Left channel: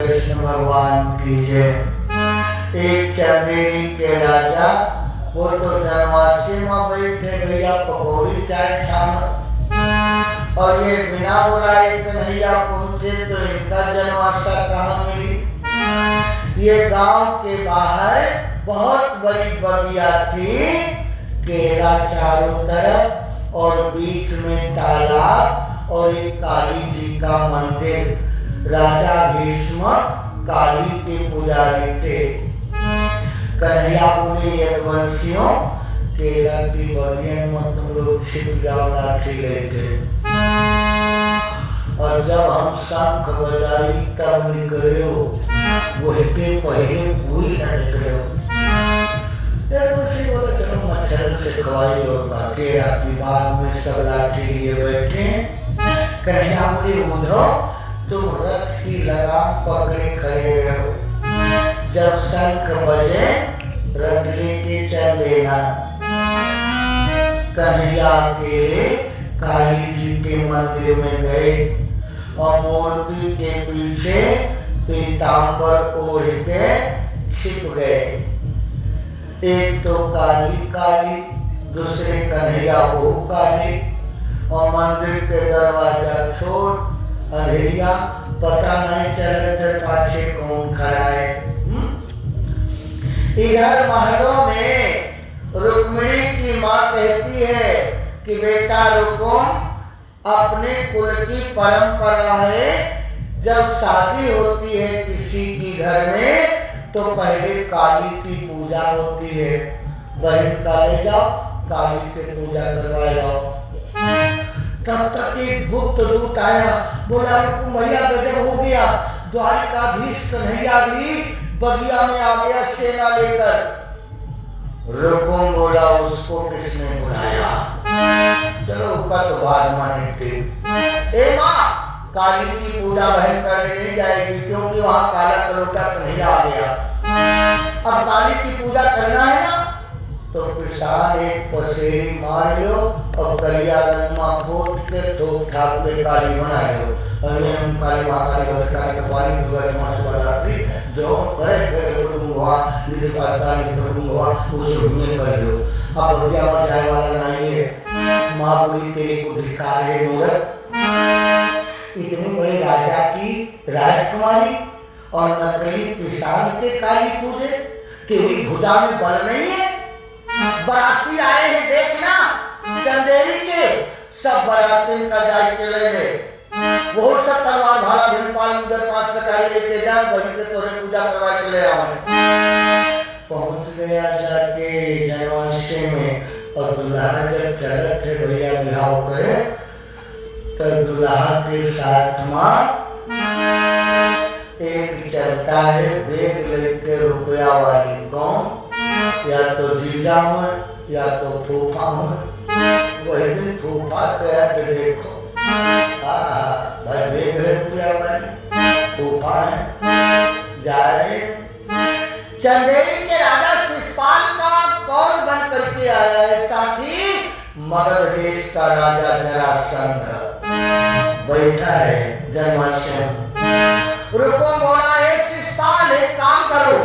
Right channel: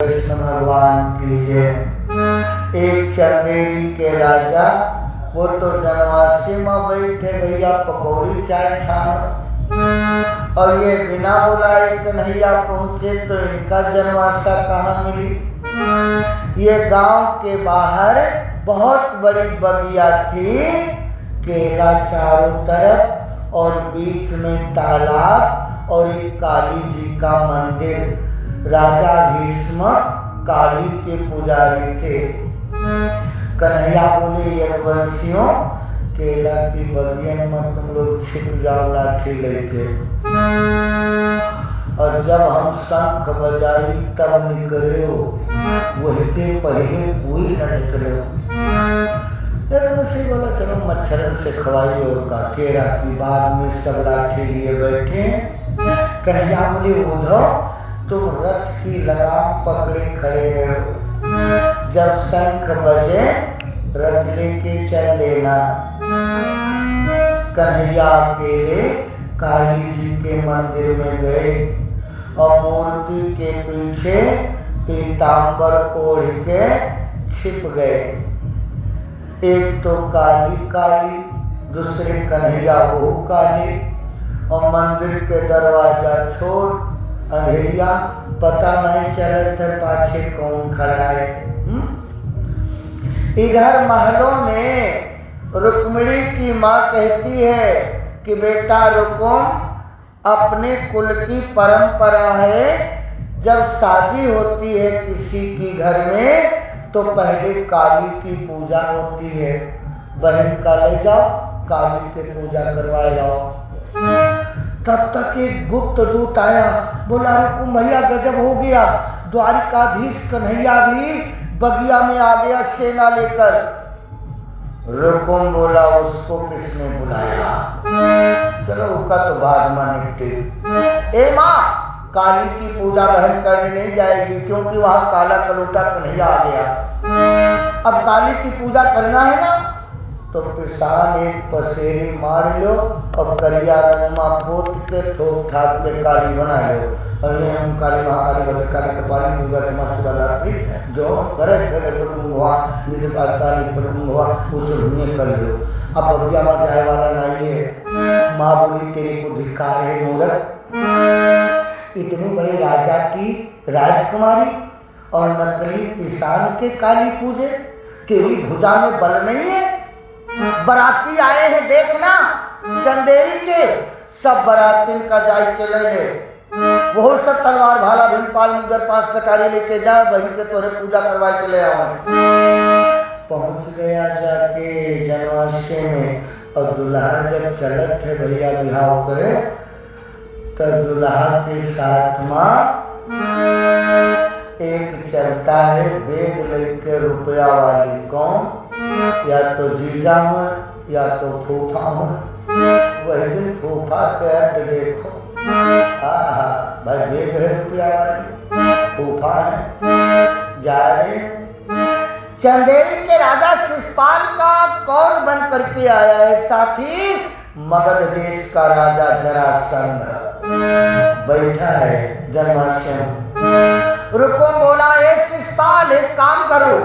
कृष्ण भगवान की जय। एक चंदेरी के राजा, वो तो जनवासी में बैठे भैया पकौड़ी चाय छान, और ये बिना बुलाए कन्हैया पहुंचे तो इनका जनवासा कहाँ मिली। ये गांव के बाहर बहुत बड़ी बगिया थी, केला चारों तरफ और बीच में तालाब और एक काली जी का मंदिर। राजा भीष्म काली के पुजारी थे। कन्हैया बोले यदुवंशियों, केला की बगियन में तुम लोग छिप जाओ लाठी लेके, और जब हम शंख बजाई तब निकले हो, वही के पहले कोई न निकले हो। बोला चलो मच्छर से खवाई और का केरा की बाग में सब लाठी लिए बैठे। कन्हैया बोले उद्धव, तुम रथ की लगाम पकड़े खड़े रहो, जब शंख बजे रथ लेके चल लेना। कन्हैया अकेले काली जी के मंदिर में गए और मूर्ति के पीछे पीतांबर ओढ़ के छिप गए। एक तो काली काली, दूसरे कन्हैया वो काली, और मंदिर के दरवाजा छोड़ अंधेरिया, पता नहीं चले थे पाछे कौन खड़ा है। इधर महलों में रुक्मिणी की माँ कहती है कि बेटा रुकुम, अपने कुल की परंपरा है, जब शादी होती है किसी की घर में तो पहले काली की पूजा होती है। बहन का ले जाओ, काली की पूजा करवा लाओ। तब तक एक गुप्त दूत आया, बोला रुकुम भैया गजब हो गया, द्वारिकाधीश कन्हैया भी बगिया में आ गया सेना लेकर। रुकुम बोला उसको किसने बुलाया, चलो उसका तो बाद में निपटे। ए माँ, काली की पूजा बहन करने नहीं जाएगी, क्योंकि वहां काला कलोटा कन्हैया आ गया। अब काली की पूजा करना है ना, तो किसान एक पसेरी मार लो और करिया रंगमा पोत के थोक थाप के काली बना लो। अरे हम काली महाकाली काली के पानी दुर्गा क्षमा शिवरात्रि जो करे प्रभु हुआ निरकाली प्रभु हुआ उस में कर लो। अब बगिया में जाए वाला नहीं है। माँ बोली तेरे को धिक्कार है मूर्ख, इतने बड़े राजा की राजकुमारी और नकली किसान के काली पूजे, तेरी भुजा में बल नहीं है। बराती आए हैं देखना, चंदेरी के सब बराती का जाय के ले, वो सब तलवार भाला भीमपाल मुदर पास कटारी लेके जाए, बहन के तोरे पूजा करवा के ले आओ। पहुंच गया जाके जनवासे में, और दुल्हा जब चलत थे भैया बिहाव करे, तो दुल्हा के साथ माँ एक चलता है बेग लेके रुपया वाली, कौन, या तो जीजा हो या तो फूफा हो। वही दिन फूफा के देखो, भाई बेग है रुपया वाली, फूफा है जा रहे। चंदेरी के राजा शिशुपाल का कौन बन करके आया है साथी, मगध देश का राजा जरासंध बैठा है जनवासे में। रुकुम बोला, ए शिशुपाल एक काम करो,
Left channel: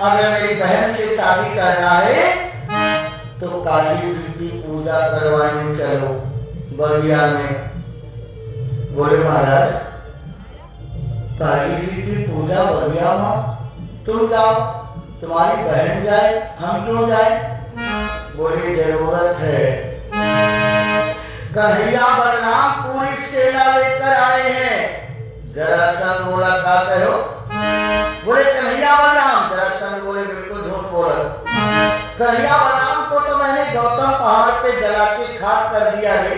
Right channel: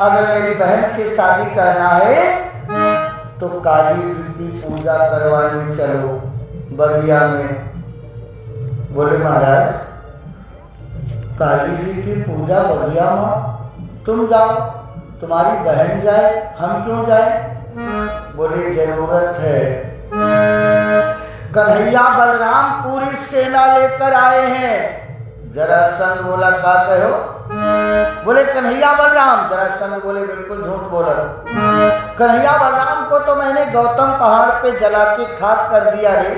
अगर मेरी बहन से शादी करना है तो काली जी की पूजा करवाने चलो बगिया में। बोले महाराज, काली जी की पूजा बगिया में तुम जाओ, तुम्हारी बहन जाए, हम क्यों जाए। बोले जरूरत है, कन्हैया बलराम पूरी सेना लेकर आए हैं। जरासंध बोला का कहो, बोले कन्हैया बलराम। जरासंध बोले बिल्कुल झूठ बोला, कन्हैया बलराम को तो मैंने गौतम पहाड़ पे जला के खाक कर दिया रे।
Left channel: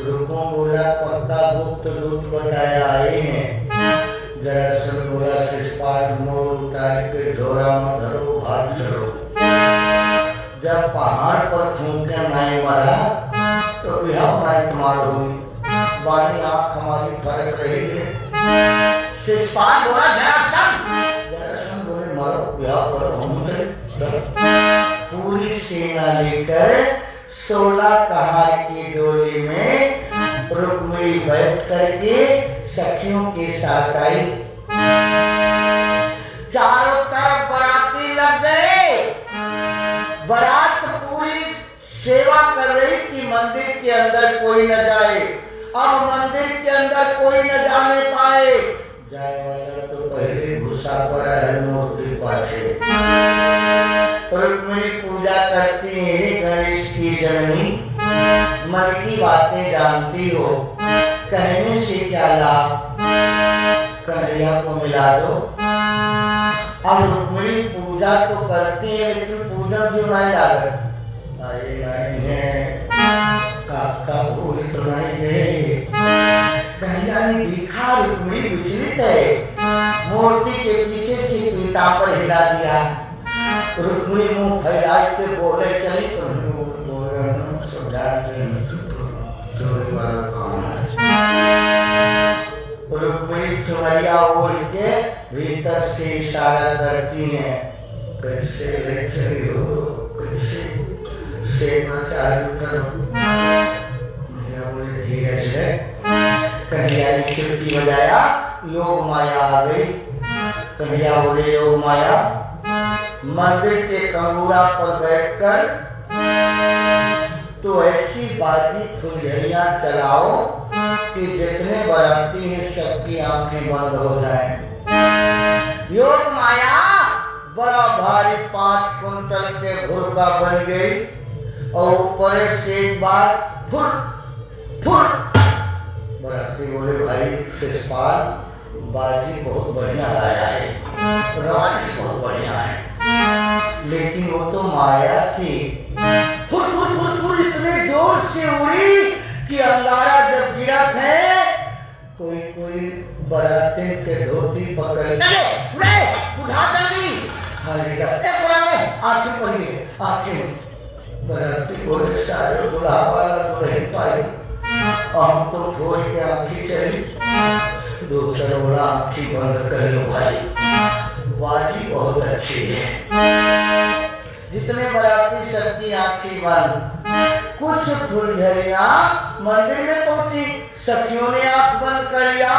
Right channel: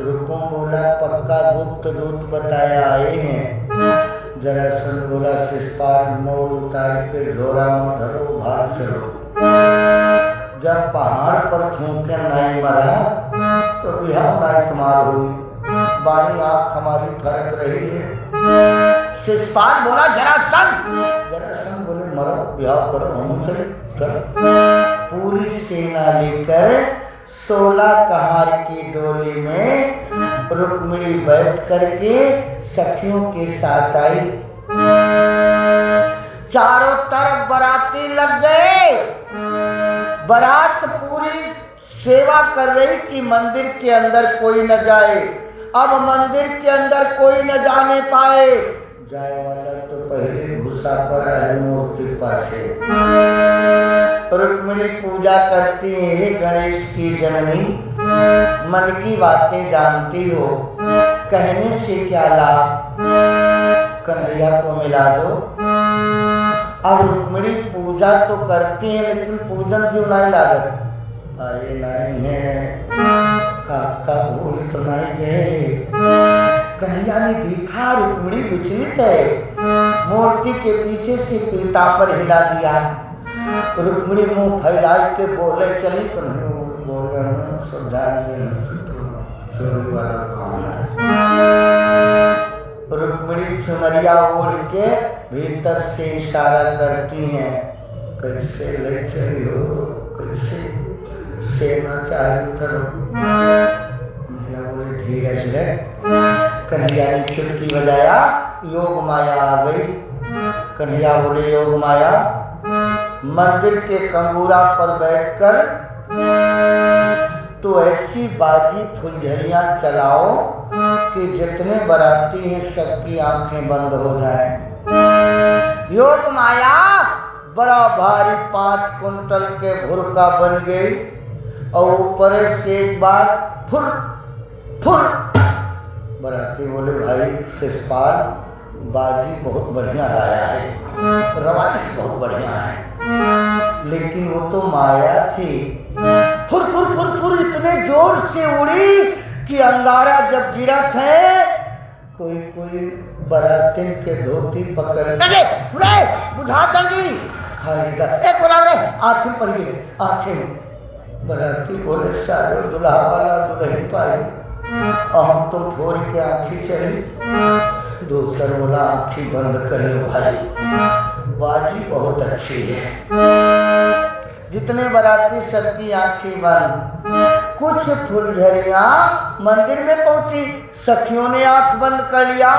रुकुम बोला पक्का गुप्त दूत बताया आए हैं। जरासंध बोला शिशुपाल मोर उतार के झोरा में धरो, भाग चलो। जब पहाड़ पर फूंके नहीं मरा तो बिहार नहीं तुम्हार हुई, बाई आँख हमारी फरक रही है। शिशुपाल बोला जरासंध। जरासंध बोले मरो, ब्याह करो, हम चले चलो। पूरी सेना लेकर 16 कहार की डोली में रुक्मिणी बैठ करके सखियों के साथ आई। चारों तरफ बाराती लग गए। बारात पूरी सेवा कर रही कि मंदिर के अंदर कोई न जाए। अब मंदिर के अंदर कोई न जाने पाए, जाए वाला तो पहले घुसा पड़ा है मूर्ति पासे। रुक्मिणी पूजा करती है, हे गणेश की जननी, मन की बातें जानती हो, कहने से क्या लाभ, कन्हैया को मिला दो। अब रुक्मिणी पूजा तो करती है लेकिन पूजन क्यों नहीं लागत, अरे नहीं है काका भूल तो नहीं गए। कन्हैया ने देखा रुक्मिणी विचलित है, मूर्ति के पीछे से पीतांबर हिला दिया। रुक्मिणी मुंह फैला के बोले चली तो रुक्मिणी चुनरिया ओढ़ के भीतर से इशारा करती हैं, कैसे ले चली हो, कैसे सेना चालू करो। बोले धीरज है। कन्हैया ने खिड़की बजाया, योग माया आ गई। कन्हैया बोले योग माया, मंदिर के कंगूरा पर बैठकर तो ऐसी बाजी फुलझड़ियां चलाओ कि जितने बाराती हैं सबकी आंखें बंद हो जाएं। योग माया बड़ा भारी 5 कुंटल के भुरका बन गई और ऊपर से एक बार फुर फुर। बाराती बोले भाई शिषपाल, बाजी बहुत बढ़िया लाया है, रवाइश बहुत बढ़िया है, लेकिन वो तो माया थी। फुर फुर फुर फुर इतने जोर से उड़ी कि अंगारा जब गिरा थे, कोई कोई बारातिन के धोती पकड़ उड़े बुझा जल्दी आंखें पर आंखें। बाराती बोले सारे दुल्हा वाला दुल्हन पाई और हम तुम फोड़ के आंखी चली, दूसरा बोला आंखी बंद कर लो भाई, बाजी बहुत अच्छी है। जितने बाराती सबकी आंखें बंद। कुछ फुलझड़ियां मंदिर में पहुंची, सखियों ने आंख बंद कर लिया।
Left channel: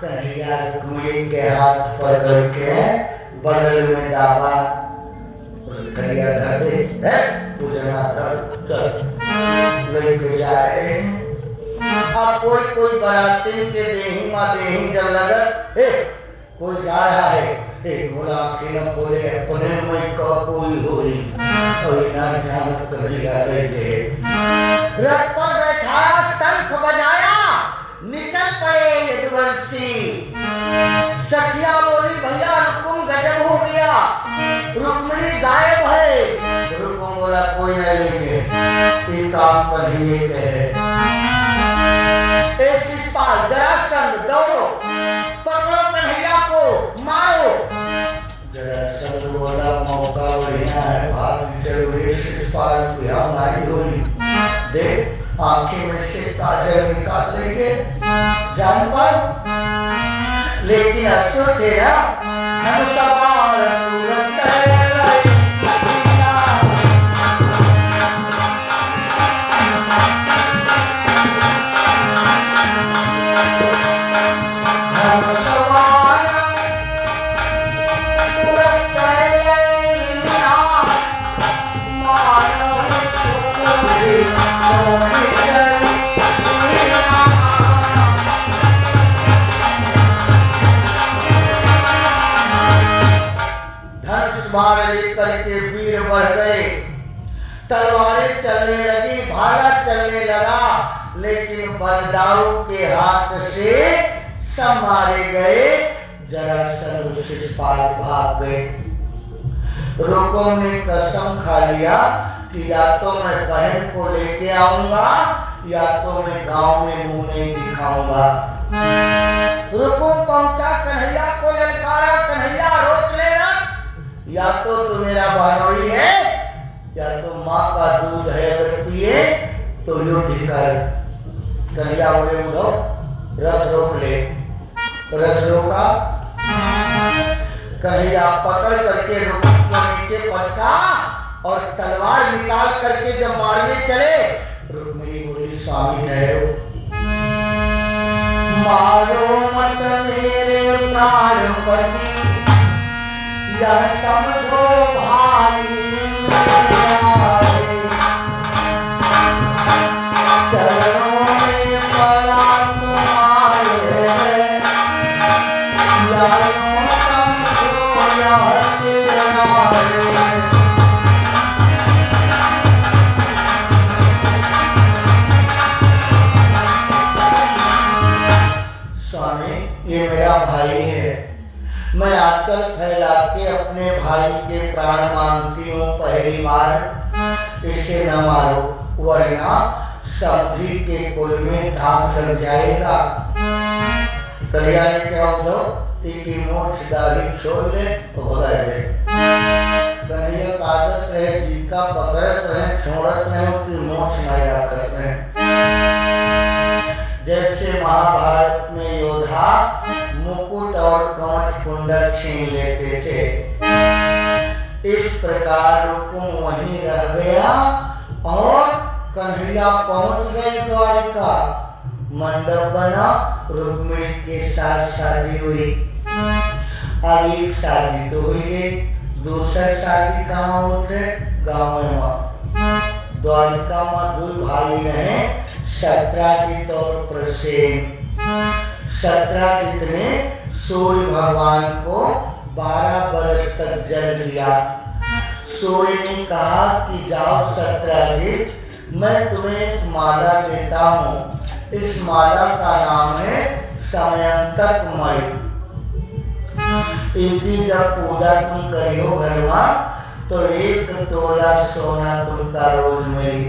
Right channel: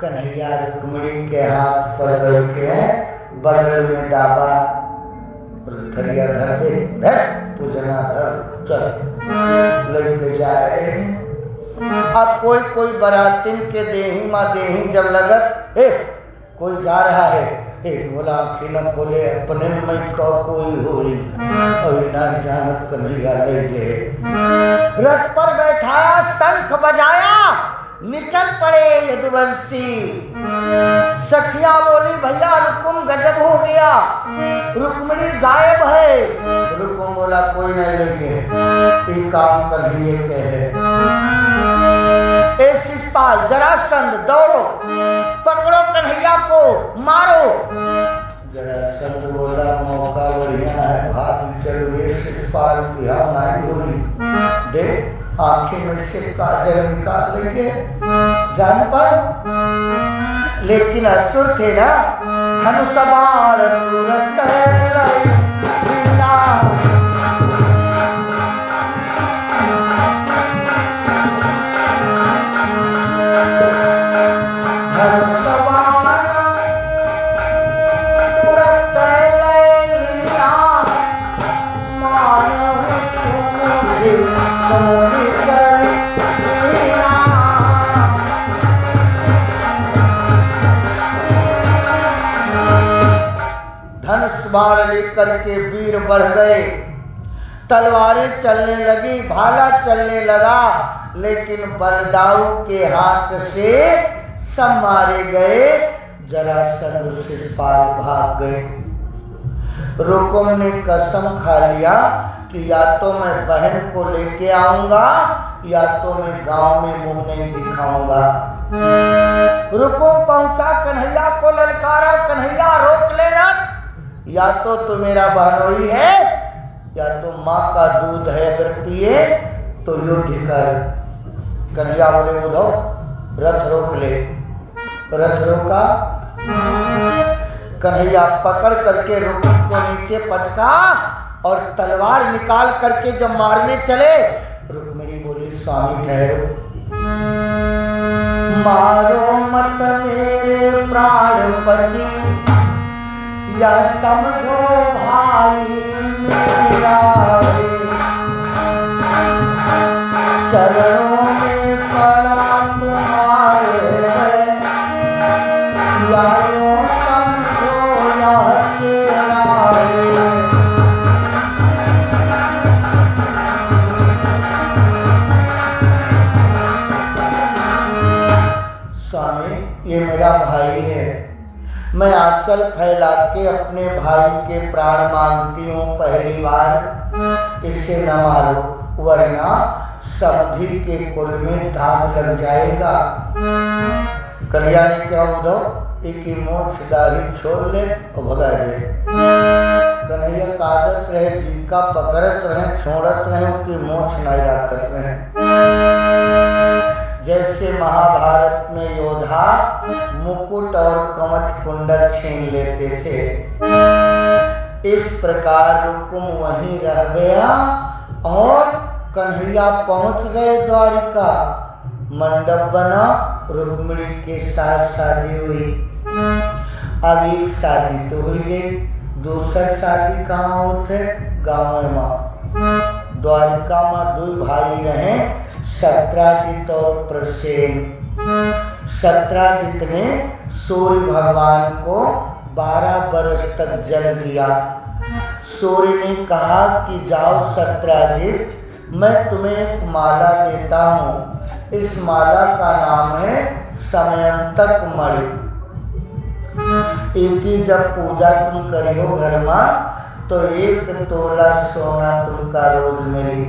कन्हैया रुक्मिणी के हाथ पकड़ के बगल में दाबा, थलिया धर दे, धर पूजना धर, चल लेके जा रहे हैं। अब कोई कोई बारातिन के देही माँ देही जब लगत, कोई जा रहा है, एक बोला आँखें न खोले अपने में कोई होई और ना जानत कन्हैया ले गए। रथ पर बैठाया, शंख बजाया, निकल पड़े यदुवंशी। सखिया बोली भैया रुकुम गजब हो गया, रुक्मिणी गायब है। रुकुम बोला कोई नहीं लेंगे, ये काम कन्हैया के है। शिषपाल जरासंध दौड़ो, पकड़ो कन्हैया को, मारो। जरासंध बोला मौका बढ़िया है, भाग चल। शिषपाल बिहार नारी हुई, देख आंखें में से काजल निकाल लेंगे जान पर, लेकिन असुर थे ना, धनुष बाण तुरंत बाण लेकर के वीर बढ़ गए, तलवारें चलने लगी, भाला चलने लगा, लेकिन बलदाऊ के हाथ से सब मारे गए। जरासंध शिषपाल भाग गए। रुकुम ने कसम खा लिया कि या तो मैं बहन को लेके आऊंगा या तो मैं गांव में मुंह नहीं दिखाऊंगा। रुकुम पहुंचा, कन्हैया को ललकारा, कन्हैया रोक लेना, या तो तू मेरा बहनोई है या तो माँ का दूध है, अगर पिए तो युद्ध कर। कन्हैया बोले उधो रथ रोक ले। रथ रोका, कन्हैया पकड़ करके रुकुम को नीचे पटका और तलवार निकाल करके जब मारने चले, रुक्मिणी बोली स्वामी ठहरो, मारो मत मेरे प्राणपति, यह समझो भाई मेरा रे, चरणों में पड़ा तुम्हारे, यारों समझो यह तेरा रे। स्वामी ये मेरा भाई है, मैं आंचल फैला के अपने भाई के प्राण मांगती हूँ, पहली बार इसे न मारो वरना समधी के कुल में दाग लग जाएगा। कलिया ने क्या उधो इकी मोक्ष दाढ़ी छोड़ ले और भगा दे। कन्हैया का आदत रहे जी का पकड़त रहे छोड़त रहे उनकी मोक्ष नहीं रखत रहे। जैसे महाभारत में योद्धा मुकुट और कवच कुंडल छीन लेते थे, इस प्रकार रुकुम वहीं रह गया और कन्हैया पहुंच गए द्वारिका। मंडप बना, रुक्मिणी के साथ शादी हुई। अब एक शादी तो हुई गई, दूसरी शादी कहाँ होते? गाँव में। द्वारिका में दो भाई रहे, सत्राजित और प्रसेन। सत्राजित ने सूर्य भगवान को 12 बरस तक जल दिया। सूर्य ने कहा कि जाओ सत्राजित, मैं तुम्हें एक माला देता हूँ, इस माला का नाम है समयंतक मणि। इनकी जब पूजा तुम करियो घर में तो 1 तोला सोना तुमका रोज मिली।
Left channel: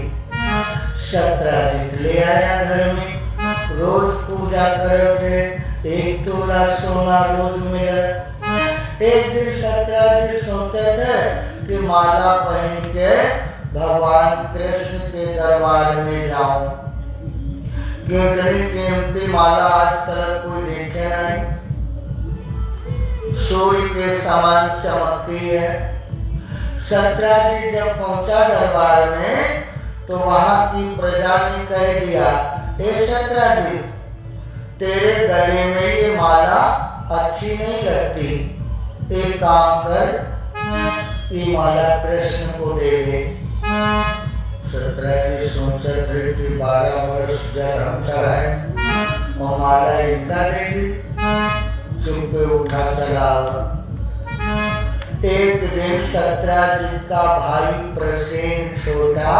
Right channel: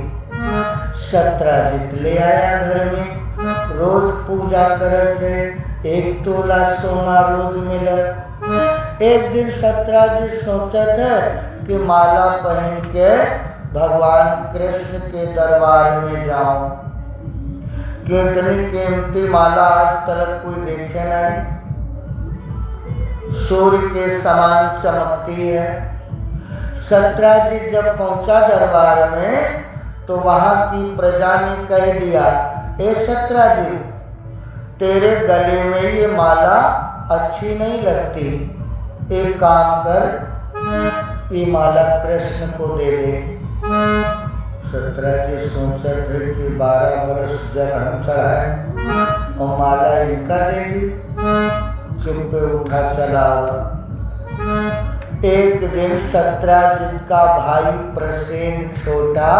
सत्राजित ले आया घर में, रोज पूजा करे थे, 1 तोला सोना रोज मिले। एक दिन सत्राजित सोचे थे कि माला पहन के भगवान कृष्ण के दरबार में जाऊं, इतनी कीमती माला आज तक कोई देखे नहीं, सूर्य के समान चमकती है। सत्राजित जब पहुंचा दरबार में तो वहां की प्रजा ने कह दिया, ए सत्राजित, तेरे गले में ये माला अच्छी नहीं लगती, एक काम कर, ये माला कृष्ण को दे दे। सत्राजित सोचते थे कि 12 वर्ष जल हम चढ़ाए और माला इनका दे दी, चुप्पे उठा चला। एक दिन सत्राजित का भाई प्रसेन छोटा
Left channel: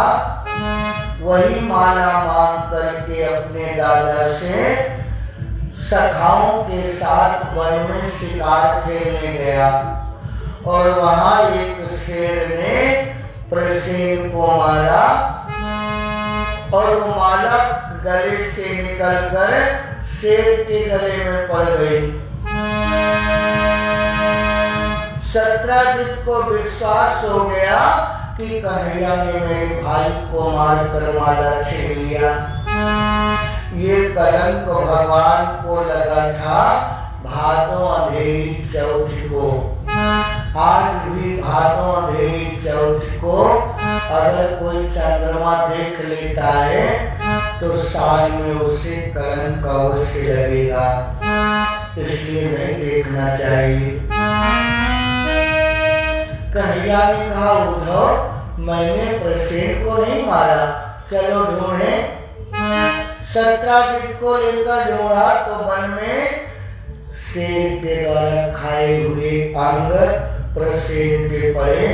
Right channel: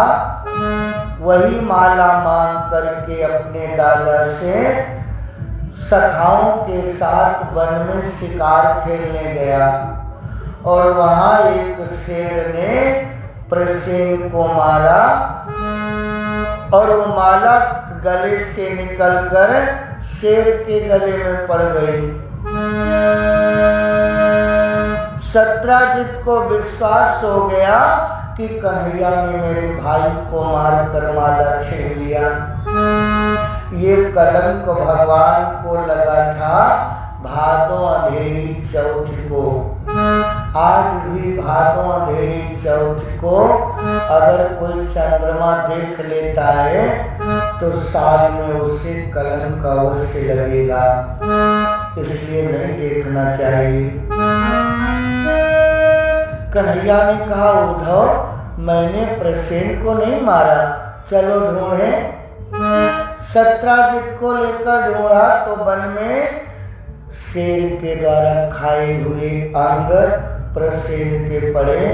वही माला मांग करके अपने दादा से सखाओं के साथ वन में शिकार खेलने गया और वहां एक शेर ने प्रसेन को मारा और वो माला गले से निकलकर शेर के गले में पड़ गई। सत्राजित को विश्वास हो गया कि कन्हैया ने मेरे भाई को मारकर माला छीन लिया। ये कलंक भगवान को लगा था भादों अंधेरी चौथ को। आज भी भादों अंधेरी चौथ को अगर कोई चंद्रमा देख लेता है तो साल में उसे कलंक अवश्य लगेगा, इसलिए नहीं देखना चाहिए। कन्हैया ने कहा, उद्धव मैंने प्रसेन को नहीं मारा, चलो ढूंढे। सत्राजित को लेकर ढूंढा तो वन में शेर के द्वारा खाए हुए अंग प्रसेन के पड़े,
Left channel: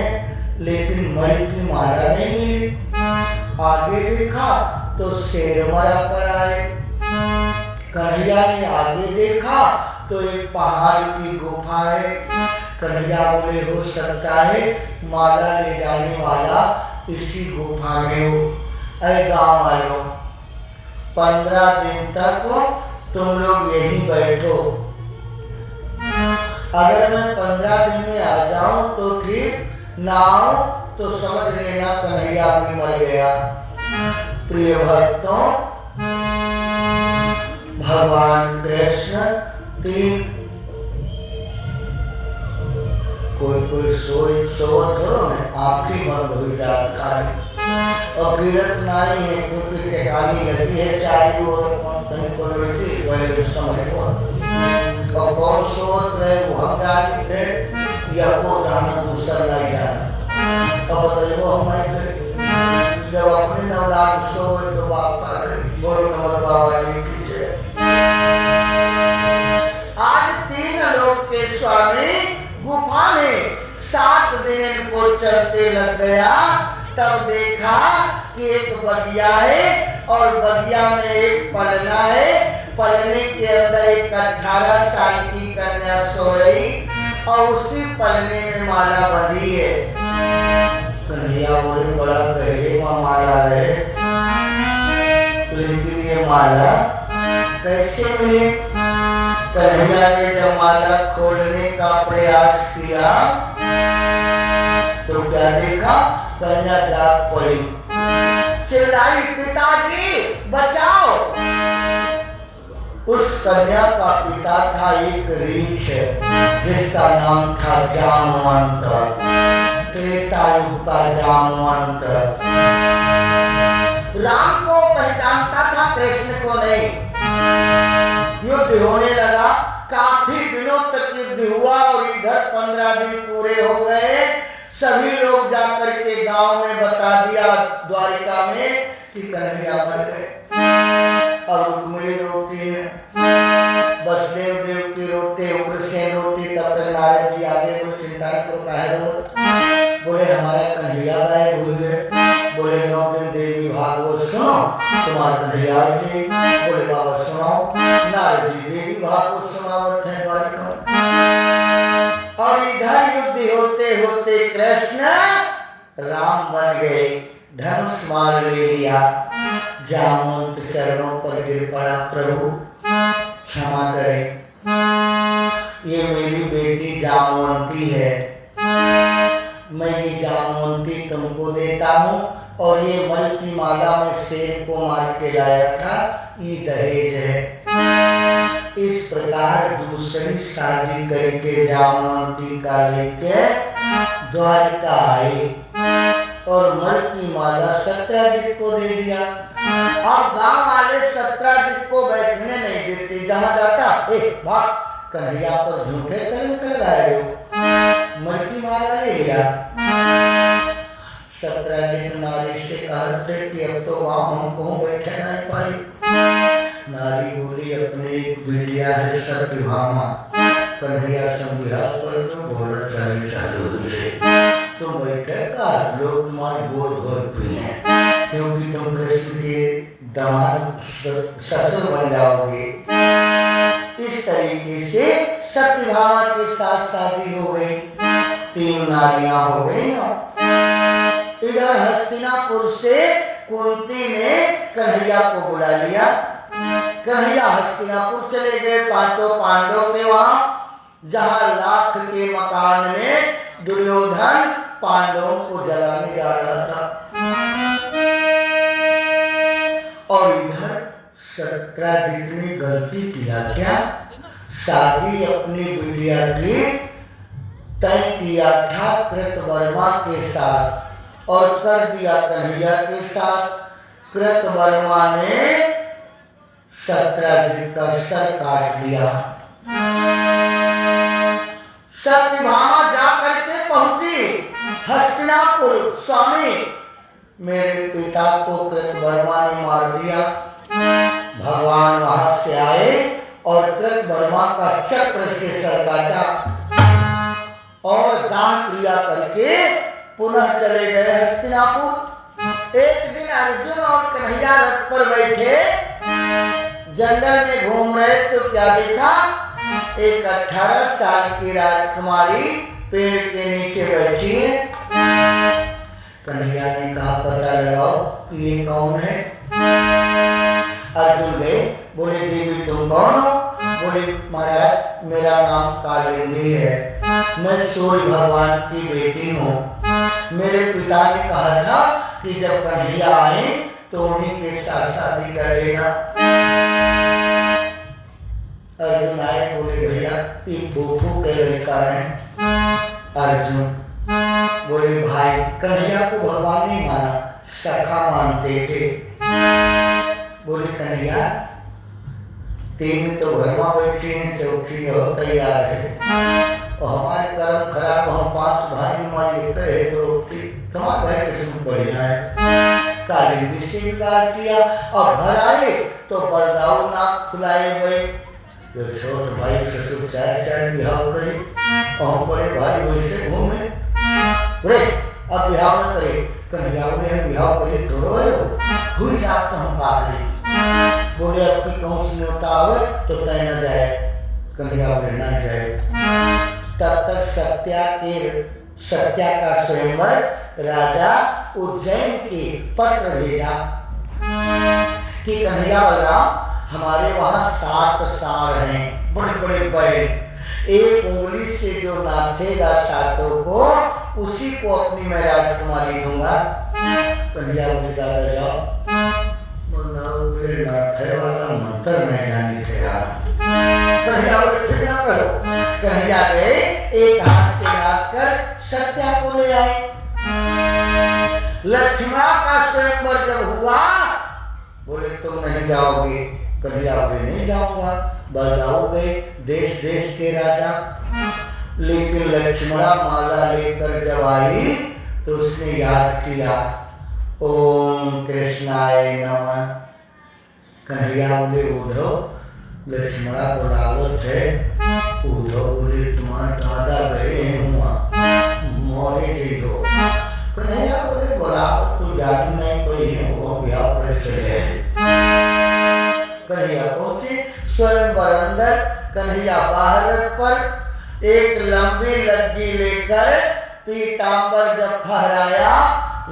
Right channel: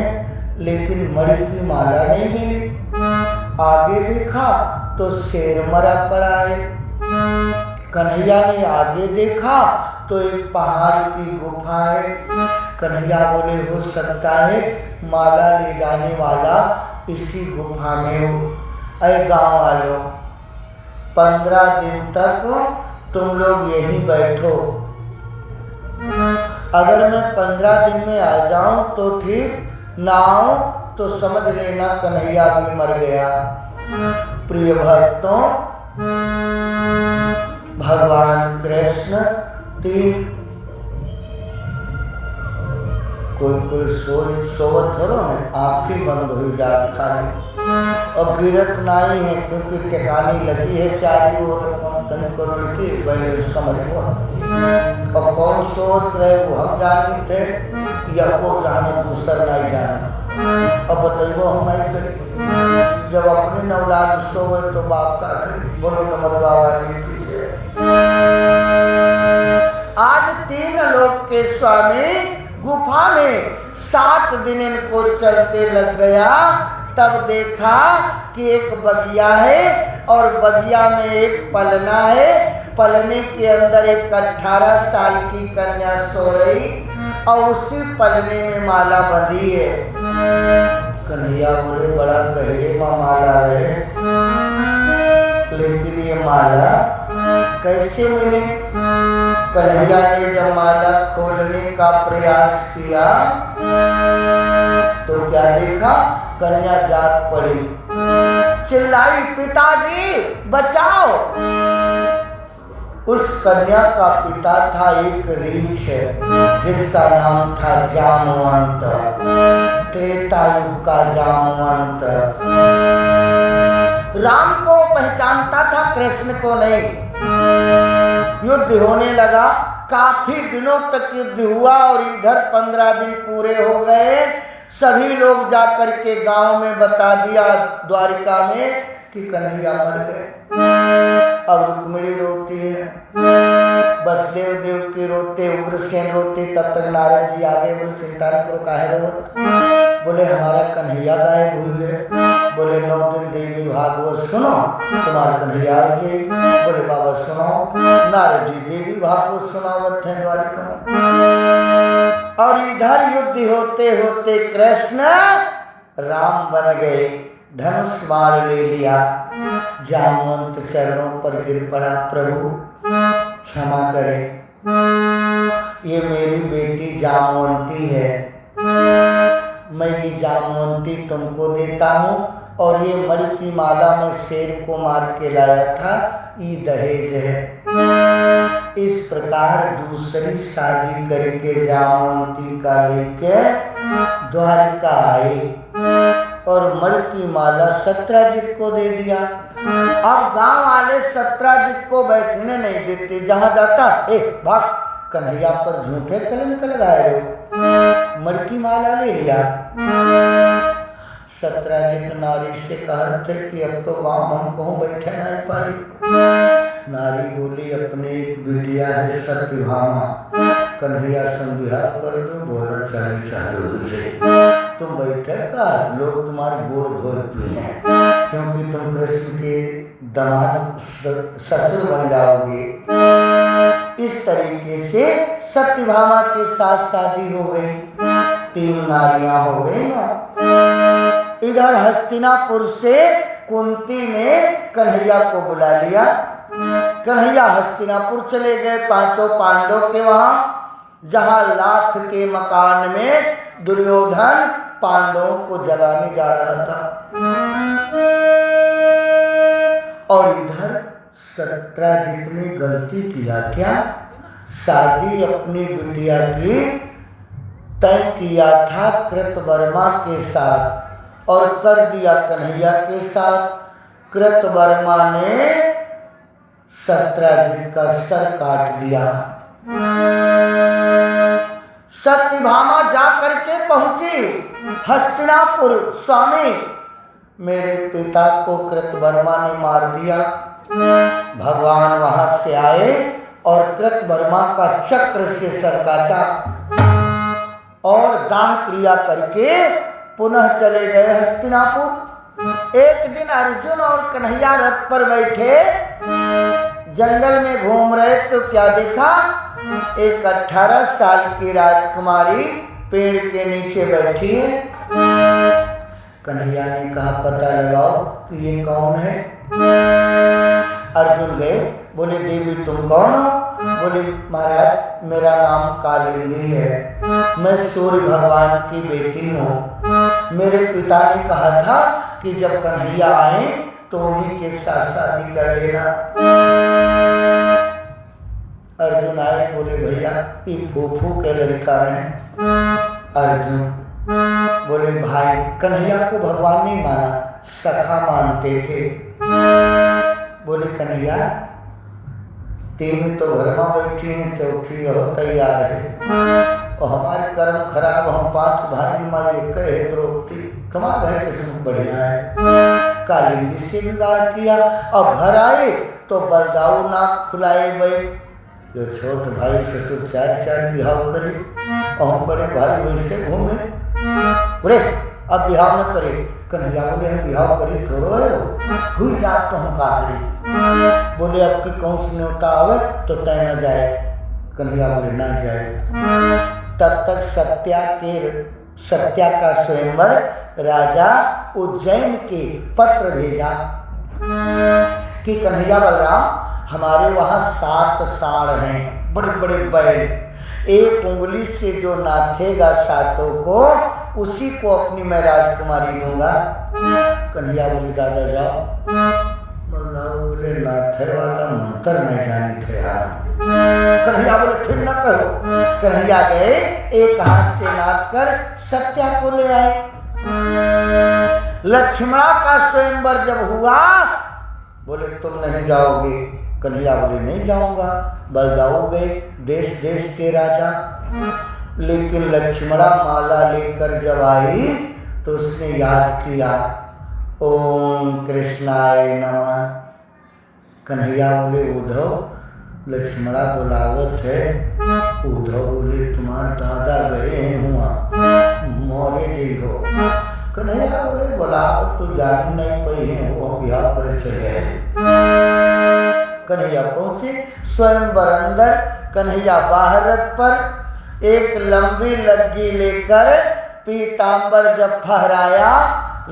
लेकिन मणि की माला नहीं मिली। आगे देखा तो शेर मरा पड़ा है। कन्हैया ने आगे देखा तो एक पहाड़ की गुफा है। कन्हैया बोले, हो सकता है माला ले जाने वाला इसी गुफा में हो। अरे गाँव वालों, 15 दिन तक तुम लोग यहीं बैठो, अगर मैं 15 दिन में आ जाऊं तो ठीक, ना आओ तो समझ लेना कन्हैया भी मर गया। प्रिय भक्तों, भगवान कृष्ण 3 कोई सोवत धरो में आँखें बंद हो जाता है और गिरत नहीं है क्योंकि ठिकानी लगी है चारों ओर लड़की पहले समझ को अब कौन सोच रहे वो हम जाने थे या वो जाने दूसरा नहीं जाने। अब बताइए हम नहीं करें, जब अपने औलाद सोए तो बाप का करें। बोलो नमक बाबा कीजिए। आज 3 लोक के स्वामी गुफा में 7 दिन इनको चलते लग गया। तब देखा कि एक बगिया है और बगिया में एक पलना है। पलने के अंदर एक 18 साल की कन्या सोई और उसी पलने में माला बंधी है। कन्हैया बोले बड़ा गहरे में माला है, लेकिन ये माला कैसे मिली? कन्हैया ने जब माला खोलने का प्रयास किया तो क्या देखा? कन्या जाग पड़ी, चिल्लाई पिताजी बचाओ। उस कन्या का पिता था एक रीछ जिसका नाम था जामवंत, त्रेता युग का जामवंत। राम को पहचानता था, कृष्ण को नहीं। युद्ध होने लगा, काफी दिनों तक युद्ध हुआ और इधर 15 दिन पूरे हो गए। सभी लोग जाकर के गांव में बता दिया द्वारिका में कि कन्हैया मर गए। अब रुक्मिणी रोती है, बसदेव देव की रोते, उग्रसेन रोते। तब तक नारद जी आगे बोले चिंता न करो, काहे रो? बोले हमारा कन्हैया गायब हुए। बोले 9 दिन देवी भागवत सुनो, तुम्हारा कन्हैया जी। बोले बाबा सुनाओ। नारद जी देवी भागवत सुनावत है द्वारिका में। और इधर युद्ध होते होते कृष्ण राम बन गए, धनुष बाण ले लिया। जामवंत चरणों पर गिर पड़ा, प्रभु क्षमा करें, ये मेरी बेटी जामवंती है, मैं ये जामवंती तुमको देता हूँ और ये मणि की माला में शेर को मार के लाया था, ये दहेज है। इस प्रकार दूसरी शादी करके जामवंती का लेके द्वारिका आई और मणि की माला सत्राजित को दे दिया। अब गांव वाले सत्राजित को बैठने नहीं देते, जहां जाता ए भाग, कन्हैया पर झूठे कलंक लगाए हो, मणि की माला ले लिया। सत्राजित नारी से कहते कि अब तो वहां हम कहूँ बैठे नहीं पाई। नारी बोली अपनी बिटिया है सत्यभामा, कन्हैया संविहा पर बोला चढ़ी चालू हो गई। तुम बैठे का लोग तुम्हारे बोल बोलते हैं, क्योंकि तुम कृष्ण के दामाद ससुर बन जाओगे। इस तरीके से सत्यभामा के साथ शादी हो गई, 3 नारियां हो गई ना। इधर हस्तिनापुर से कुंती ने कन्हैया को बुला लिया। कन्हैया हस्तिनापुर चले गए 5 पांडव के वहां, जहां लाख के मकान में दुर्योधन पांडवों को जलाने जा रहा था। और इधर सत्राजित ने गलती किया क्या? शादी अपनी बिटिया की तय किया था कृतवर्मा के साथ और कर दिया कन्हैया के साथ। कृतवर्मा ने सत्राजित का सर काट दिया। सत्यभामा जा करके पहुंची हस्तिनापुर, स्वामी मेरे पिता को कृतवर्मा ने मार दिया। भगवान वहां से आए और कृतवर्मा का चक्र से सर काटा और दाह क्रिया करके पुनः चले गए हस्तिनापुर। एक दिन अर्जुन और कन्हैया रथ पर बैठे जंगल में घूम रहे तो क्या देखा? एक 18 साल की राजकुमारी पेड़ के नीचे बैठी है। कन्हैया ने कहा पता लगाओ कि ये कौन है। अर्जुन गए, बोले देवी तुम कौन हो? बोले महाराज मेरा नाम कालिंदी है, मैं सूर्य भगवान की बेटी हूँ। मेरे पिता ने कहा था कि जब कन्हैया आए तो उन्हीं के साथ शादी कर लेना। अर्जुन आए, बोले भैया ये फूफू के लड़का है। अर्जुन बोले भाई कन्हैया को भगवान नहीं माना, सखा मानते थे। बोले कन्हैया तीन तो घर में बैठी हैं, चौथी और तैयार है। और हमारे कर्म खराब, हम 5 भाई में एक है द्रौपदी, तुम्हारा भाई किस्मत बढ़िया है। कालिंदी से विवाह किया, अब घर आए तो बलदाऊ नाक फुलाए गए। जो छोटे भाई ससुर 4 विवाह करे और हम बड़े भाई वैसे घूमे। बोले अब विवाह न करे, कन्हैया बोले हम विवाह करे थोड़ो है, हुई जात तो हम का करें। बोले अब की कौन सी न्योता आवे तो तय न जाए। कन्हैया बोले ना जाए। तब तक सत्या का स्वयंवर राजा उज्जैन के पत्र भेजा कि कन्हैया बलराम हमारे वहाँ 7 साढ़ हैं, बड़े बड़े बैल, एक उंगली से जो नाथेगा 7 को उसी को अपनी मैं राजकुमारी दूंगा। कन्हैया बोले दादा जाओ। बोले नाथे वाला मंत्र नहीं जानी थे यार। कन्हैया बोले फिर न करो। कन्हैया गए, एक हाथ से नाच कर सत्या को ले आए। लक्ष्मणा का स्वयंवर जब हुआ, बोले तुम नहीं जाओगे। कन्हैया बोले नहीं जाऊंगा। बलदाऊ गए, देश देश के राजा, लेकिन लक्ष्मणा माला लेकर जब आई तो उसने याद किया ओम कृष्णाय नमः। कन्हैया बोले उद्धव लक्ष्मणा बुलावत है। उद्धव बोले तुम्हारा दादा गए हुआ मोरे जी हो। कन्हैया बोले बुलाओ तू जान नहीं कोई वो विवाह कर चले। कन्हैया पहुंचे, स्वयंवर अंदर, कन्हैया बाहर रथ पर एक लंबी लग्गी लेकर पीतांबर जब फहराया,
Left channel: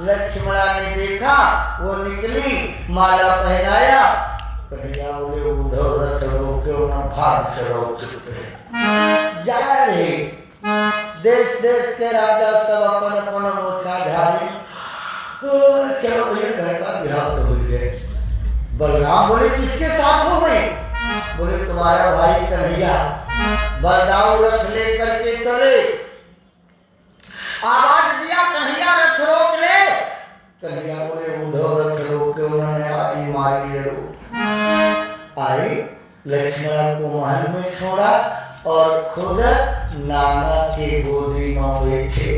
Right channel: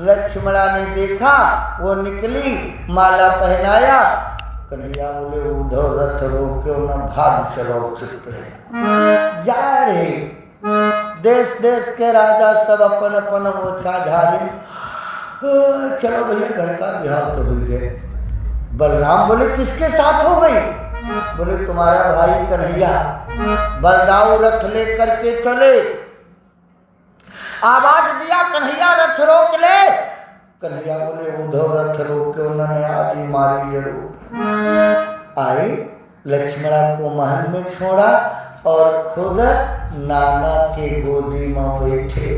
लक्ष्मणा ने देखा, वो निकली, माला पहनाया। कन्हैया बोले उद्धव रथ रोक्यो न भाग चलो चुप जा रहे। देश देश के राजा सब अपन अपन मोछा झाड़ी, चलो भैया घर का विवाह तो हो गए। बलराम बोले किसके साथ हो गई? बोले तुम्हारा भाई कन्हैया बलदाऊ रथ लेकर के चले। आवाज दिया कन्हैया रथ रोक ले। कन्हैया बोले उद्धव रथ रोके, उन्होंने आज ही मारी जरूर। आए, लक्ष्मणा को महल में छोड़ा और खुद नाना के गोदी में बैठे।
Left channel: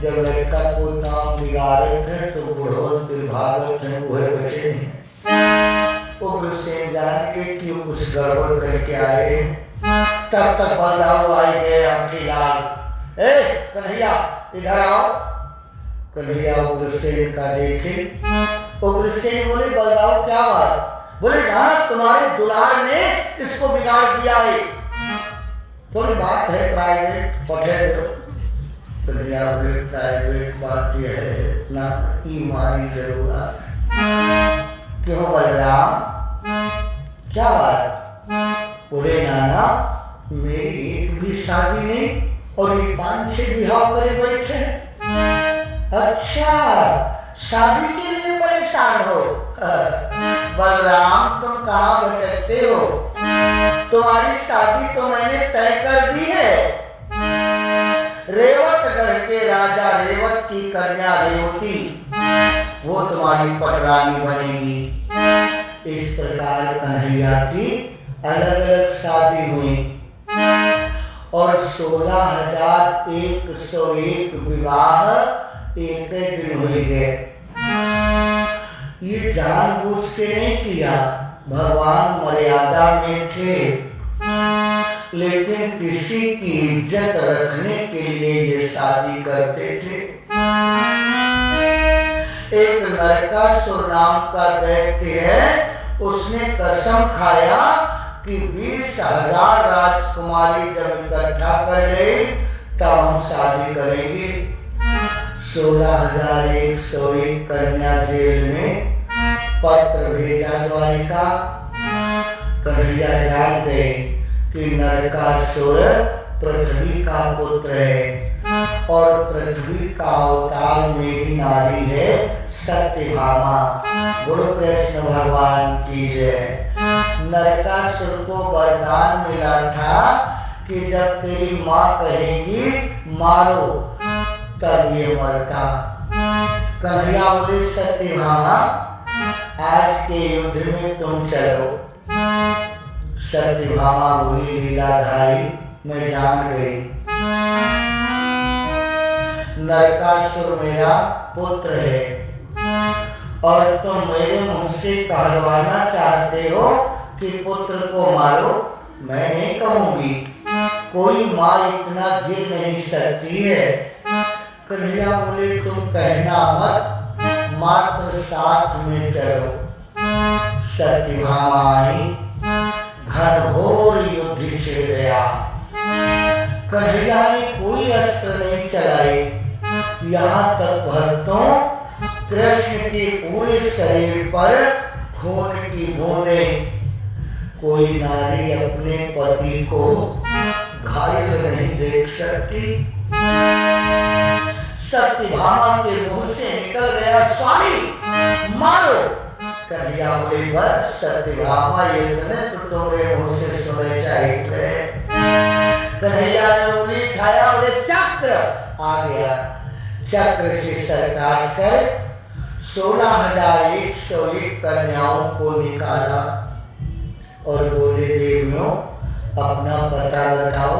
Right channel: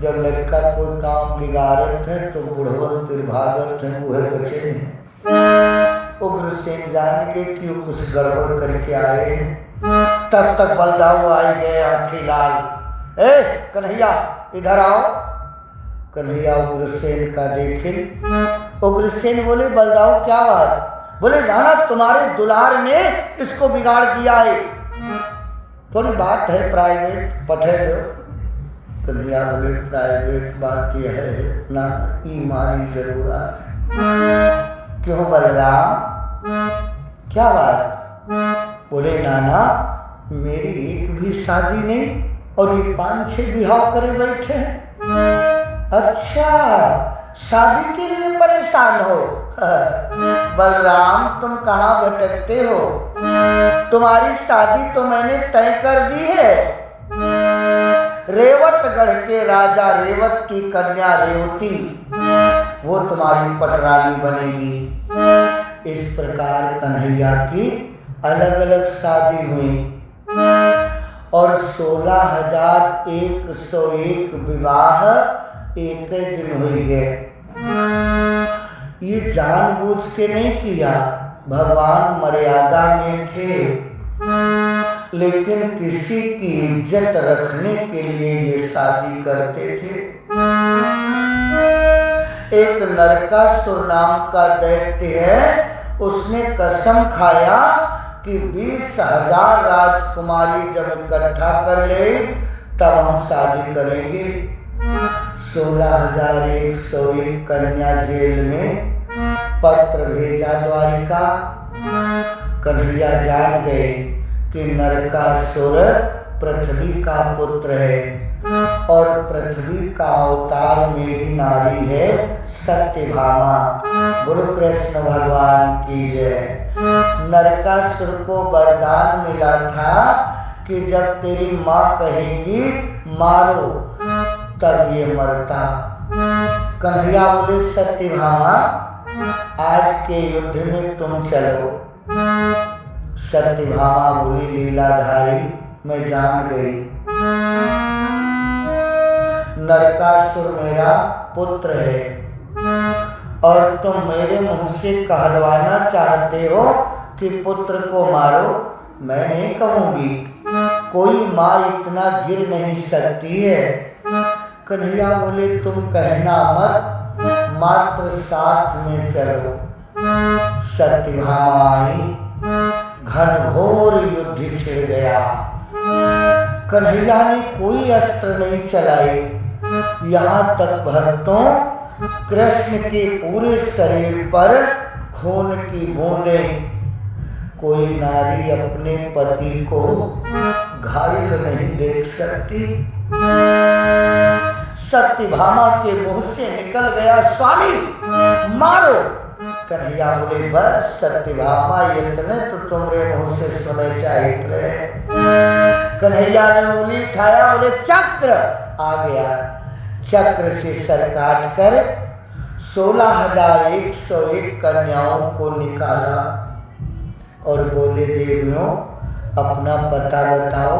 जब लड़का कोई काम बिगाड़त है तो बुढ़वन फिर भागत है, वह बचे नहीं। उग्रसेन जान के क्यों कुछ गड़बड़ करके आए, तब तक बलदाऊ आई गए आंखें लाल। ए कन्हैया इधर आओ। कन्हैया उग्रसेन का देखे। उग्रसेन बोले बलदाऊ क्या बात? बोले जाना तुम्हारे दुलार ने इसको बिगाड़ दिया है, थोड़ी बात है प्राइवेट, पठे दो। कन्हैया बोले प्राइवेट बात यह है ना ही मारी जरूरत। क्यों बलराम क्या बात? बोले नाना मेरी एक भी शादी नहीं और ये 5-6 विवाह करे बैठे हैं। अच्छा शादी के लिए परेशान हो? बलराम तुम कहाँ भटकते हो? तुम्हारी शादी तो मैंने तय कर दी है। रेवतगढ़ के राजा रेवत की कन्या रेवती वो तुम्हारी पटरानी बनेगी। इस प्रकार कन्हैया की अलग अलग शादी हुई और 16,101 विवाह एक दिन हुई गए। ये जानबूझ के नहीं किया, भगवान मर्यादा में थे, लेकिन किसी की इज्जत रखने के लिए ये शादी करते थे। एक नरकासुर नाम का दैत्य है, उसने कसम खाया कि 20,000 राजकुमारी जब इकट्ठा कर ले तब हम शादी करेंगे। 16,101 कन्या जेल में पत्र भेजा द्वारिका। कन्हैया जान गए कि नरकासुर पृथ्वी का पुत्र है और पृथ्वी का अवतार मेरी नारी है सत्यभामा। बोलो कृष्ण भगवान की जय। नरकासुर को वरदान मिला था कि जब तेरी माँ कहेगी मारो तब ये मरता। कन्हैया बोले सत्यभामा आज के युद्ध में तुम चलो। सत्यभामा बोली, लीलाधारी मैं जान गई, नरकासुर मेरा पुत्र है और तुम मेरे मुंह से कहलवाना चाहते हो कि पुत्र को मारो। मैं नहीं कहूंगी, कोई माँ इतना गिर नहीं सकती है। कन्हैया बोले, तुम कहना मत, मात्र साथ में चलो। सत्यभामा आई, घनघोर युद्ध छिड़ गया। कन्हैया ने कोई अस्त्र नहीं चलाए, यहाँ तक भक्तों कृष्ण के पूरे शरीर पर खून की बूंदें। कोई नारी अपने पति को घायल नहीं देख सकती। सत्यभामा के मुंह से निकल गया, स्वामी मारो। कन्हैया बोले, बस सत्यभामा इतने तो तुम्हारे मुंह से सुने चाहिए। कन्हैया ने उंगली उठाया, बोले चक्र। आ गया, चक्र से सर काट कर 16,101 कन्याओं को निकाला और बोले, देवियों अपना पता बताओ,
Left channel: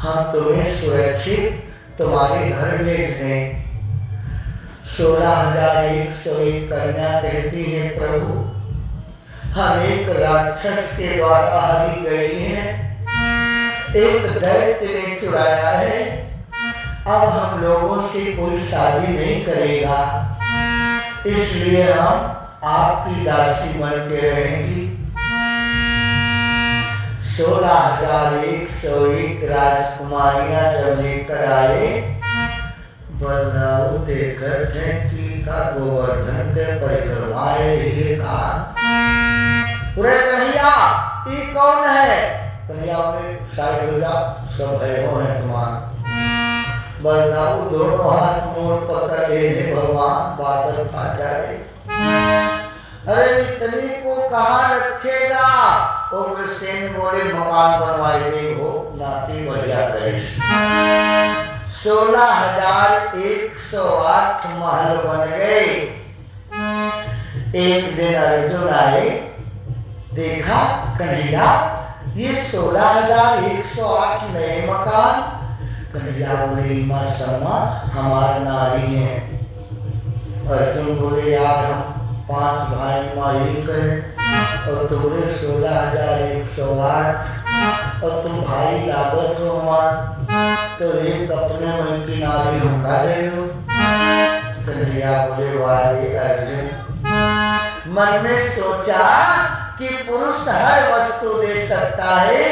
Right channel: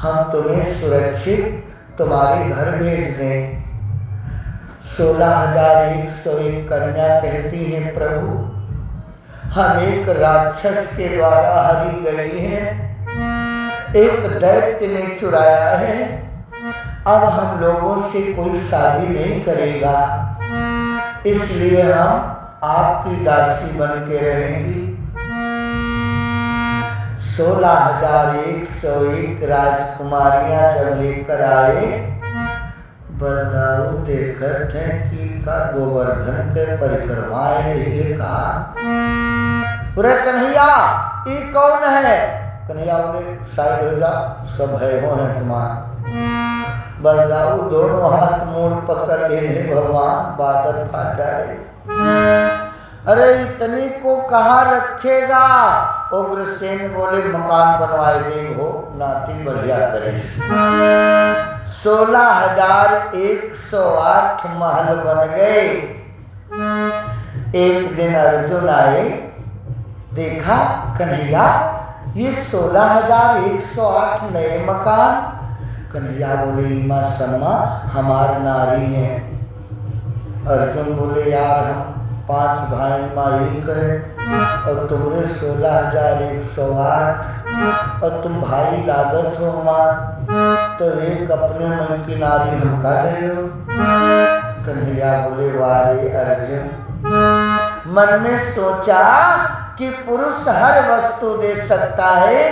हम तुम्हें सुरक्षित तुम्हारे घर भेज दें। 16,101 कन्या कहती हैं, प्रभु हम एक राक्षस के द्वारा हरी गई हैं, एक दैत्य ने चुराया है, अब हम लोगों से कोई शादी नहीं करेगा, इसलिए हम आपकी दासी बन के रहेंगी। 16,101 राजकुमारियां जब लेकर आए, बलदाऊ देखत हैं कि का गोवर्धन के परिक्रमाए ये कहा, अरे कन्हैया ये कौन है? कन्हैया बोले, साइड हो जाओ, सब है हो हैं तुम्हारा। बलदाऊ दोनों हाथ मोड़ पकड़ लेने, भगवान बादल फाट डाले। अरे इतनी को कहाँ रखेगा? उग्रसेन बोले, मकान बनवाए दे हो, नाती बढ़िया करे। 16,108 महल बन गए। एक दिन अर्जुन आए, देखा कन्हैया ये 16,108 नए मकान। कन्हैया बोले, माँ सन्मा हमार नारी है। अर्जुन बोले, यार हम 5 भाई माँ एक है और तुम्हारे 16,108 और तुम भाई लागत हो हमार, तो एक अपने मन की नारी हम का रहे हो। कन्हैया बोले, वारे अर्जुन, मन में सोचा कि पुरुष हर वस्तु दे सकता है,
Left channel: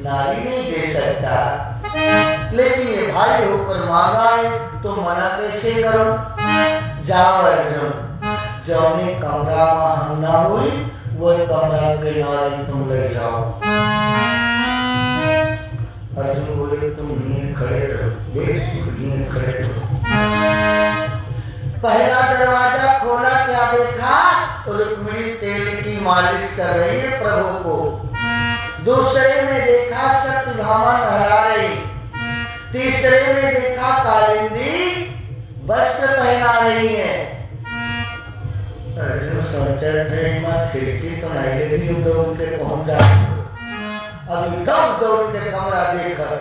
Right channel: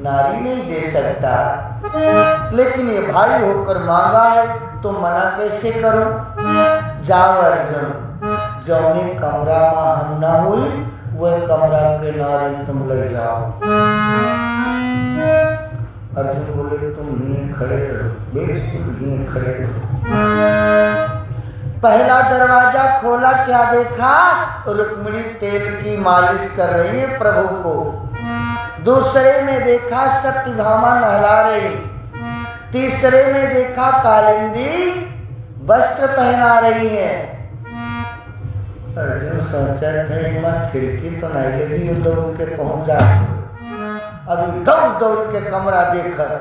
नारी नहीं दे सकता, लेकिन ये भाई होकर मांगा है तो मना कैसे करूं? जाओ अर्जुन, जौने कमरा में हम ना हुई वह कमरा के नारी तुम ले जाओ। अर्जुन बोले, तुम यहीं खड़े रहो, बिल्कुल यहीं खड़े रहो। पहला दरवाजा खोला, क्या देखा? रुक्मिणी तेल की मालिश कर रही है प्रभु को। दूसरे में देखा सत्यभामा नहला रही। तीसरे में देखा कालिंदी वस्त्र पहना रही है। अर्जुन सोचा थे, मैं खिड़की तो नहीं लगी दौड़ के पहुंच जाती, अभी दौड़ के कमरा देखकर,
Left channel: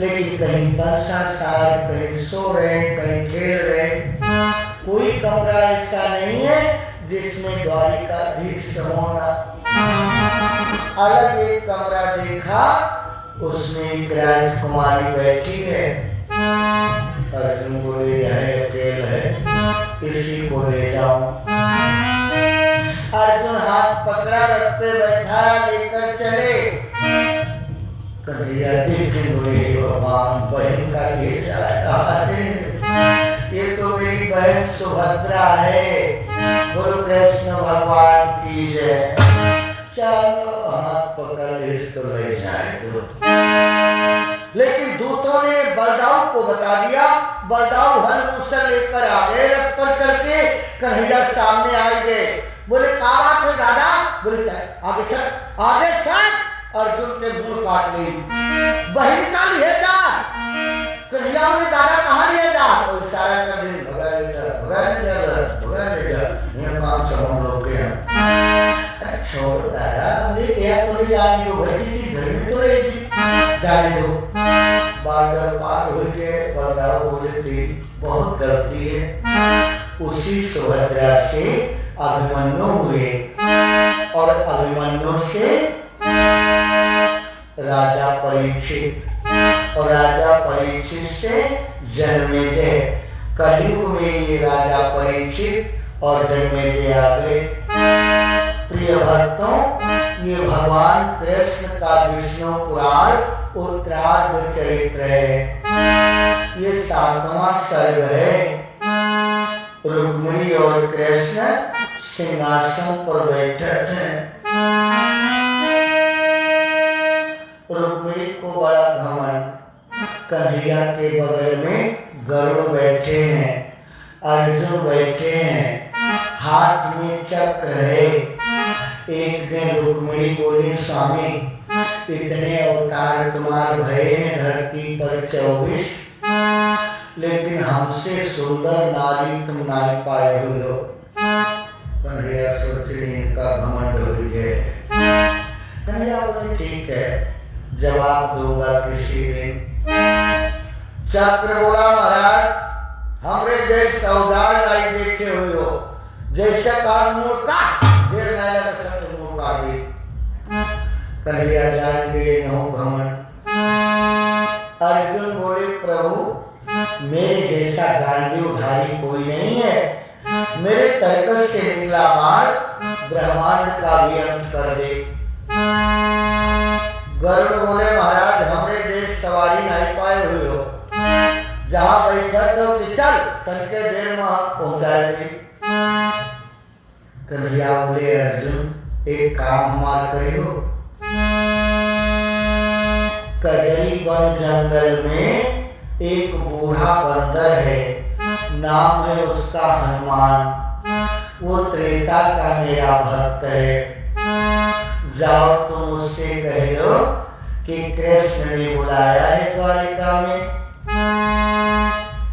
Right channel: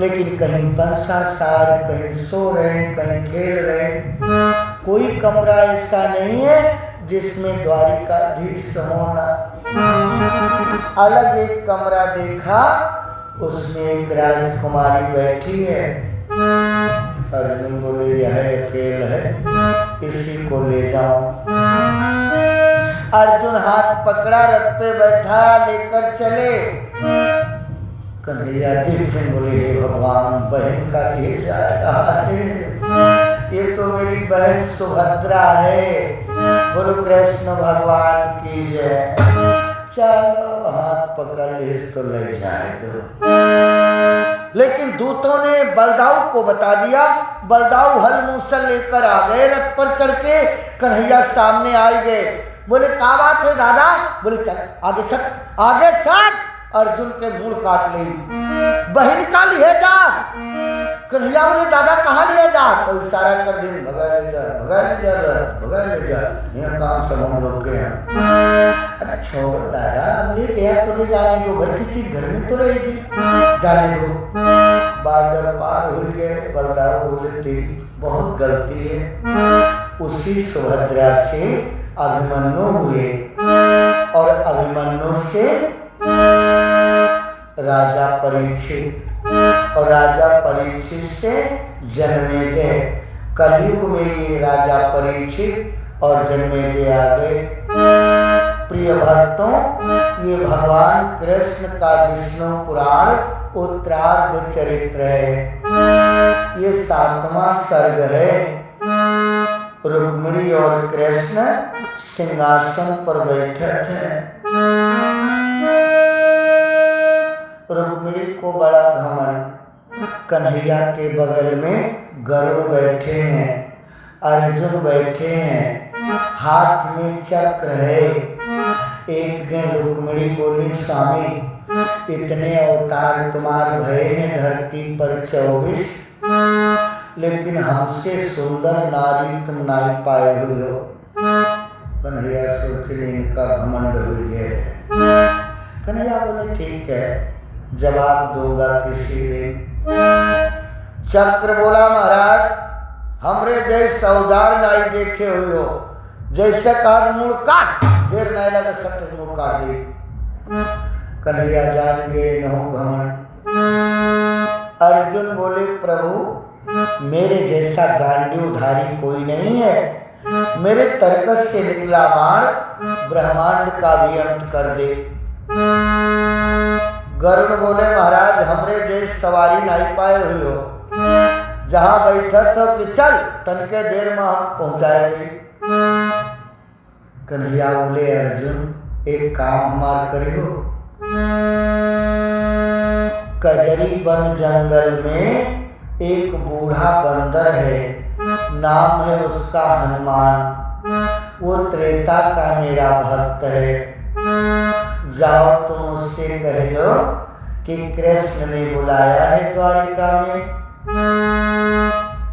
लेकिन कहीं बंसा सार, कहीं सो रहे, कहीं खेल रहे, कोई कमरा ऐसा नहीं है जिसमें द्वारिकाधीश होना। अलग एक कमरा देखा, उसमें एक राजकुमारी बैठी है। अर्जुन बोले, यह अकेला है, इसी को ले जाओ। अर्जुन हाथ पकड़ा, रथ पे बैठा, लेकर चले। कन्हैया देखे, बोले, भगवान बहन का ले जा रहा है, ये तो मेरी बहन सुभद्रा है। बोलो कृष्ण भगवान की जय। चलो हाथ पकड़ ले, इसको ले जाए दो। लेकिन दूतों ने बलदाऊ को बता दिया। बलदाऊ हल मूसल लेकर आ गए, रथ पर चढ़ के कन्हैया सामने आ गए। बोले, क्या बात है दादा? बोले, चल आगे चल, आगे चल। अर्जुन के मुंह काट ली, बहन का लिए जा। कन्हैया बोले दादा कहाँ लिया जा, तो इशारा कर दिन भगा ले जा, भगा ले जा, भगा ले जा, ये काम सब हम लोग के हैं। अरे छोड़ो दादा, ले गया तो ले जाने दो, घर की चीज घर में तो रहेगी, जाने दो। बादल पार हो गए, बलदाव बोले तेरी बहुत गलती है। उसी सुभद्रा से अभिमन्यु हुए और अभिमन्यु से राजा परीक्षित और राजा परीक्षित से जन्मेजय। कलयुग में ये राजा परीक्षित और जन्मेजय आ गए। प्रिय भक्तों, ये भगवान कृष्ण का विष्णु पुराण उत्तरार्ध चरित्र है। ये 7वां सर्ग है। रुक्मिणी और कृष्ण सिंहासन पर बैठे थे। रुक्मिणी को बड़ा घमंड, कन्हैया के बगल में गरुड़ बैठे हैं, अर्जुन बैठे हैं, हाथ में चक्र है। एक दिन रुक्मिणी बोली स्वामी इतने अवतार तुम्हारे भये हैं धरती पर 24, लेकिन हमसे सुंदर नारी तुम नहीं पाए हुए हो। कन्हैया सोचे इनका घमंड हुई है। कन्हैया बोले ठीक है, जवाब दूंगा किसी दिन। चक्र बोला महाराज हमरे जैसे औजार नहीं देखे हुए हो, जैसे काट मुड़ काट, देर नहीं लगा सब मुड़ काट दी। कन्हैया जान गए नो घमंड। अर्जुन बोले प्रभु मेरे जैसा गांडीवधारी कोई नहीं है, मेरे तर्कस से निकला बाण ब्रह्मांड का भी अंत कर दे। गरुड़ बोले महाराज हमरे जैसे सवारी नहीं पाए हुए हो, जहाँ बैठा तो कि चल तनके देर में हम पहुँचाएंगे। कन्हैया बोले अर्जुन एक काम हमार करियो। कजरी वन जंगल में एक बूढ़ा बंदर है, नाम है उसका हनुमान। वो त्रेता का मेरा भक्त है। जाओ तुम उससे कह दो कि कृष्ण ने बुलाया है द्वारिका में।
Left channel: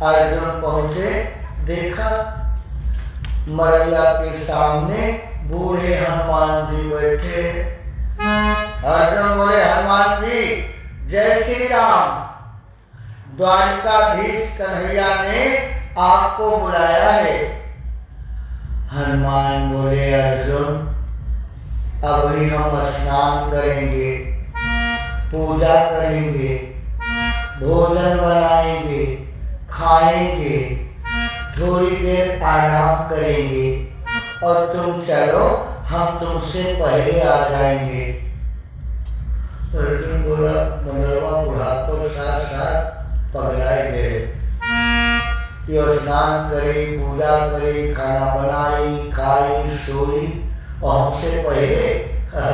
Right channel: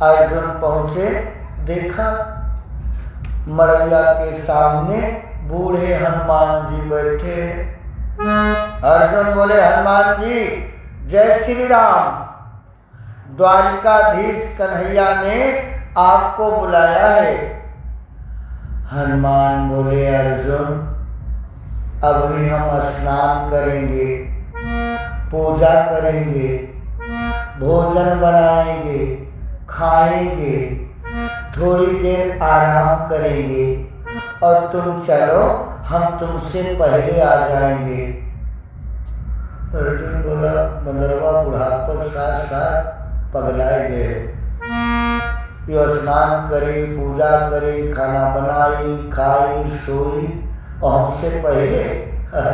अर्जुन पहुंचे, देखा मरैया के सामने बूढ़े हनुमान जी बैठे। अर्जुन बोले हनुमान जी जय श्री राम, द्वारिकाधीश कन्हैया ने आपको बुलाया है। हनुमान बोले अर्जुन अभी हम स्नान करेंगे, पूजा करेंगे, भोजन बनाएंगे, खाएंगे, थोड़ी देर आराम करेंगे और तुम चलो हम तुमसे पहले आ जाएंगे। अर्जुन बोला बंदरवा बुढ़ापा के साथ साथ पगलाए गए। यो स्नान करे, पूजा करे, खाना बनाई, खाई, सोई और हमसे पहले